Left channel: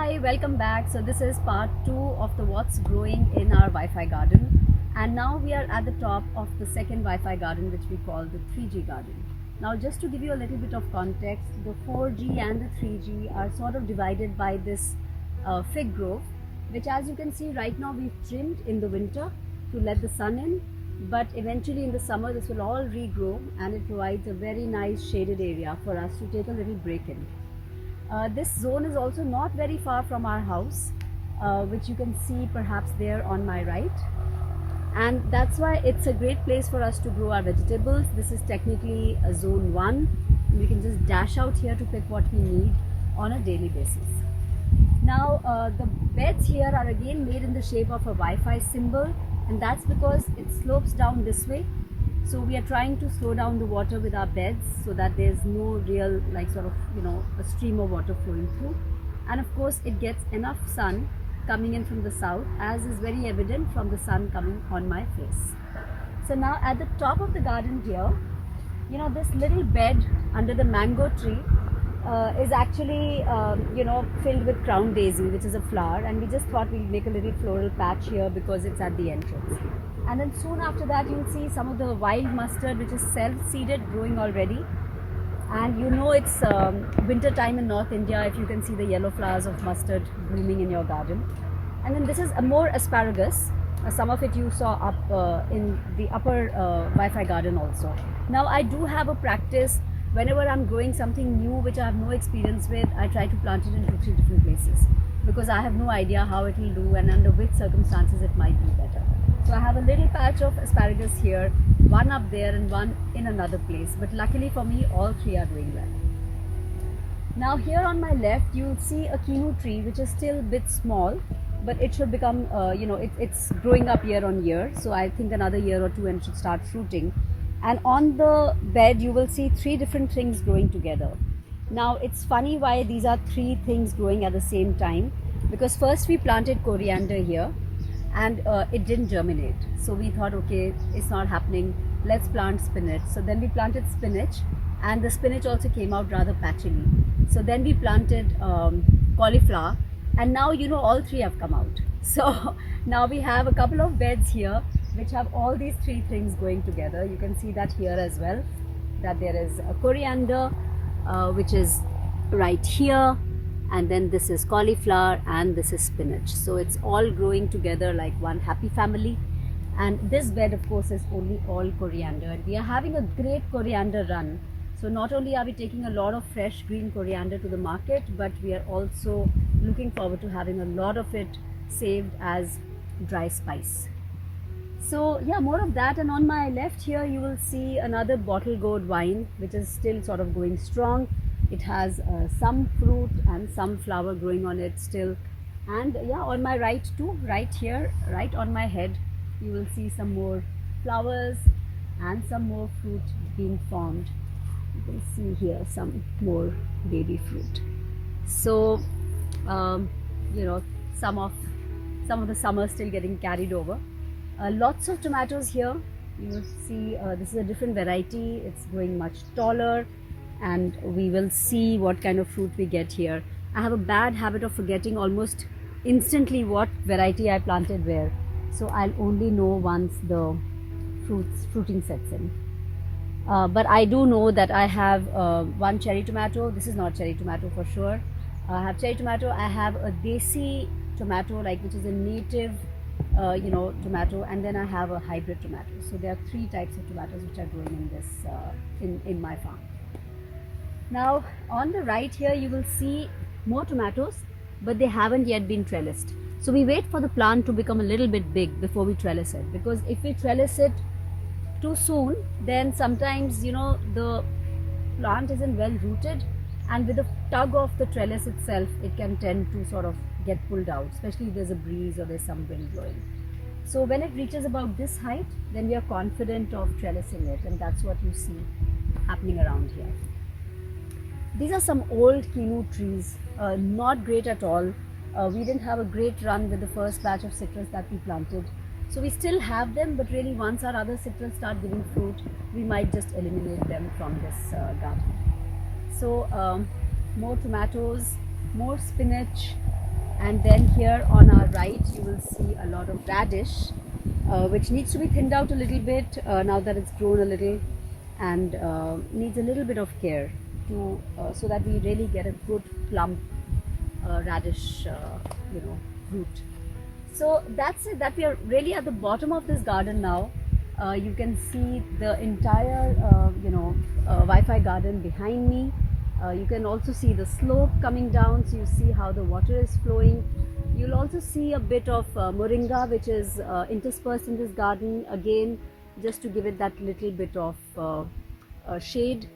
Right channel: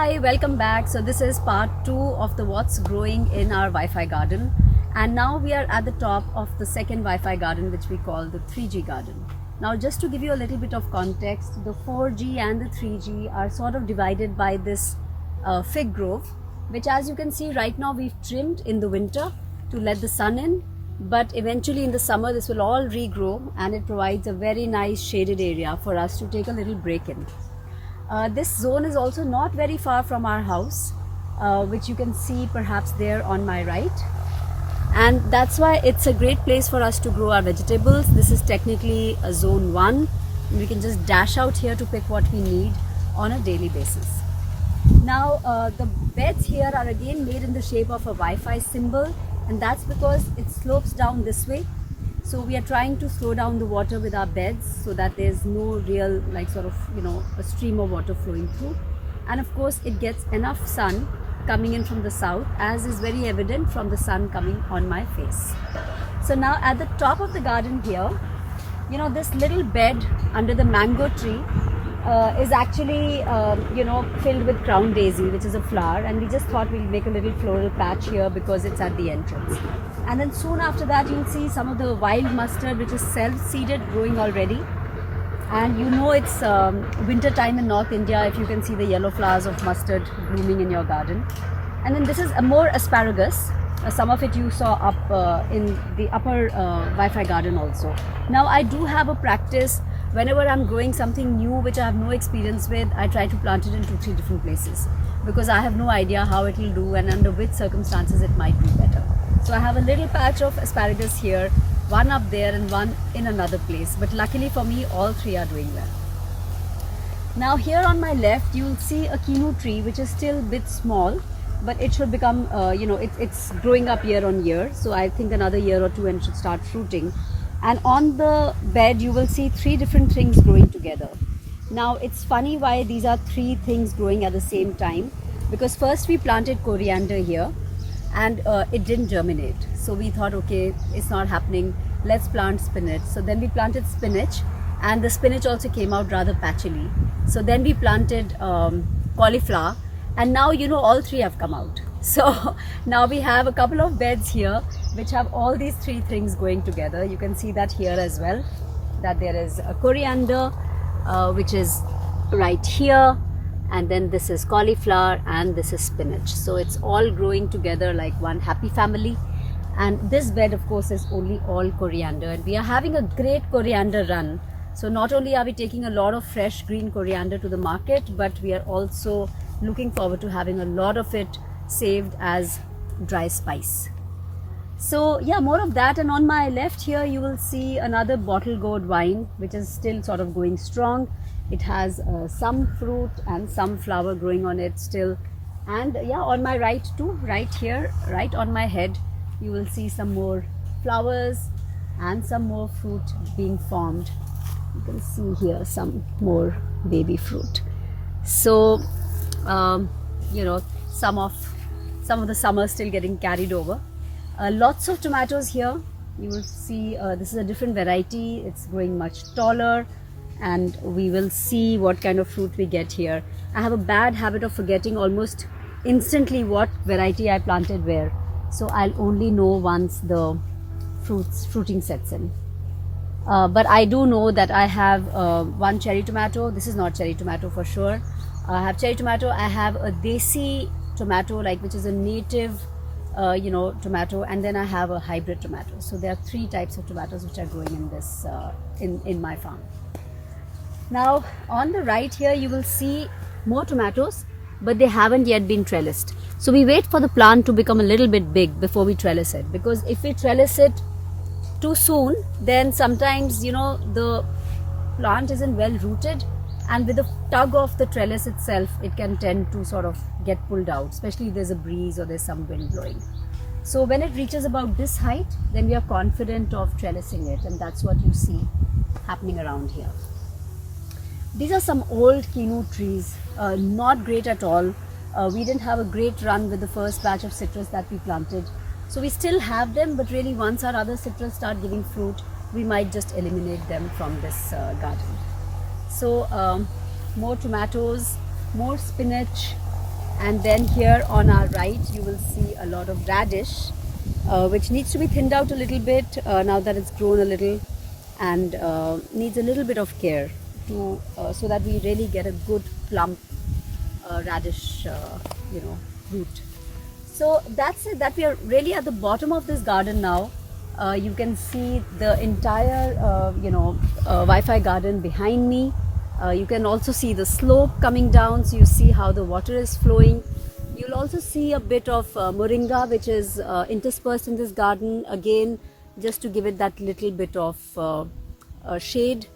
Hi, welcome back. So this is part 2 of the what's growing in our Wi-Fi garden, and now we are at the top of the second Wi-Fi garden, which we call the 3G garden. Now just to give you a little bit of context, the 4G and the 3G are sort of divided by this fig grove, which as you can see right now we've trimmed in the winter to let the sun in, but eventually in the summer this will all regrow and it provides a very nice shaded area for us to take a little break in. This zone is also not very far from our house, which you can see perhaps there on my right, and that's why it's a great place for us to grow our vegetables. This is technically a zone 1. We can just dash out here to pick what we need on a daily basis. Now the beds here are again made in the shape of a Wi-Fi symbol, and that's because it slopes down this way. So we are trying to slow down the water with our beds so that there's no real a stream of water flowing through. And of course it gets enough sun coming in from the south, as is very evident from the sun coming on my face. So now at the top of the garden here, this little bed under the mango tree is actually filled with crown daisy, which is a flower, and we just thought we'll make a little floral patch here because it's at the entrance. And then soon after that you'll see some of the wild mustard, which is self-seeded, growing already. And it's winter time in North India if you can see the yellow flowers of mustard blooming in your garden. And then this is more asparagus. Some of it you saw up in the upper Wi-Fi garden also. Now I do have a practice. Whenever I'm growing something new which I have no experience with, I try to plant it in 2-3 different places because I have no idea how it will do and under which circumstances it might be better. So I have a little patch of asparagus here, one up there and one in another place, but luckily for me all 3 are doing well. Now here on my left you will see a quinoa tree, which is still a bit small, but it should become it's growing up year on year, so I think another year or 2 and it should start fruiting. And on the bed you will see 3 different things growing together. Now it's funny why these are 3 things growing at the same time, because first we planted coriander here and it didn't germinate, so we thought, okay, it's not happening, let's plant spinach. So then we planted spinach, and the spinach also came out rather patchily. So then we planted cauliflower, and now all 3 have come out. So now we have a couple of beds here which have all these 3 things going together. You can see that here as well, that there is a coriander which is right here, and then this is cauliflower, and this is spinach. So it's all growing together like one happy family. And this bed of course is only all coriander, and we are having a great coriander run. So not only are we taking a lot of fresh green coriander to the market, but we are also looking forward to having a lot of it saved as dry spice. So yeah, more of that. And on my left here you will see another bottle gourd vine, which is still sort of going strong. It has some fruit and some flower growing on it still. And yeah, on my right too, right here, right on my head, you will see some more flowers and some more fruit being formed. You can see here some more baby fruit. So some of the summer still getting carried over. Lots of tomatoes here. You will see this is a different variety. It's growing much taller, and we will see what kind of fruit we get here. I have a bad habit of forgetting almost instantly what variety I planted where, so I'll only know once the fruiting sets in. But I do know that I have one cherry tomato. This is not cherry tomato for sure. I have cherry tomato. I have a desi tomato, which is a native tomato, and then I have a hybrid tomato. So there are 3 types of tomatoes which are growing in this in my farm. Now on the right here you will see more tomatoes, but they haven't yet been trellised. So we wait for the plant to become a little bit big before we trellis it, because if we trellis it too soon, then sometimes the plant isn't well rooted, and with the tug of the trellis itself it can tend to sort of get pulled out, especially if there's a breeze or there's some wind blowing. So when it reaches about this height, then we are confident of trellising it, and that's what you see happening around here. These are some old quinoa trees, not great at all. We didn't have a great run with the first batch of citrus that we planted. So we still have them, but really once our other citrus start giving fruit, we might just eliminate them from this garden. So more tomatoes, more spinach, And then here on our right you will see a lot of radish, which needs to be thinned out a little bit now that it's grown a little, and needs a little bit of care to so that we really get a good plump radish root. So that's it, that we are really at the bottom of this garden now. You can see the entire Wi-Fi garden behind me. You can also see the slope coming down, so you see how the water is flowing. You'll also see a bit of moringa, which is interspersed in this garden, again just to give it that little bit of shade.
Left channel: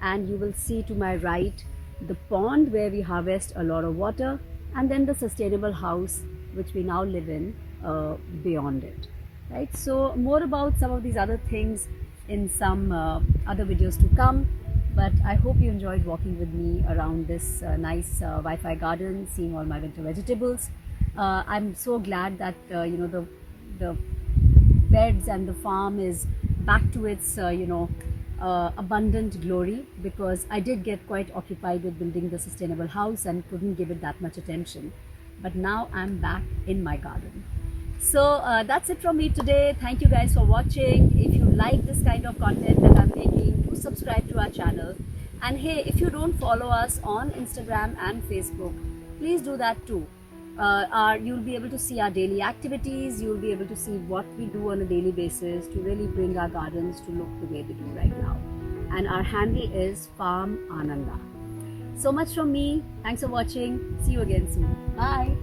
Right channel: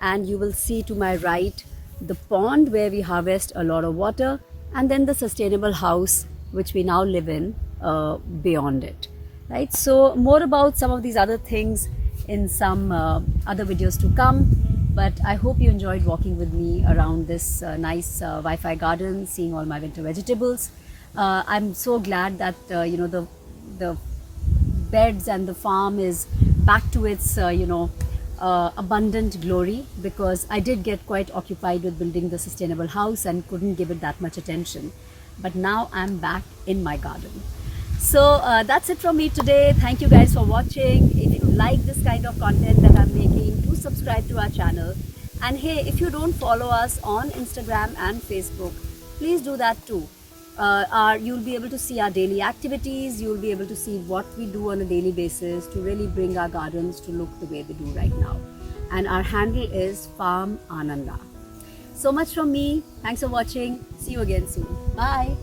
And you will see to my right the pond where we harvest a lot of water, and then the sustainable house which we now live in beyond it, right? So more about some of these other things in some other videos to come. But I hope you enjoyed walking with me around this nice Wi-Fi garden, seeing all my winter vegetables. I'm so glad that the beds and the farm is back to its abundant glory, because I did get quite occupied with building the sustainable house and couldn't give it that much attention. But now I'm back in my garden. So that's it from me today. Thank you guys for watching. If you like this kind of content that I'm making, do subscribe to our channel. And hey, if you don't follow us on Instagram and Facebook, please do that too. You'll be able to see our daily activities. You'll be able to see what we do on a daily basis to really bring our gardens to look the way they do right now. And our handle is Farm Aanandaa. So much from me. Thanks for watching. See you again soon. Bye.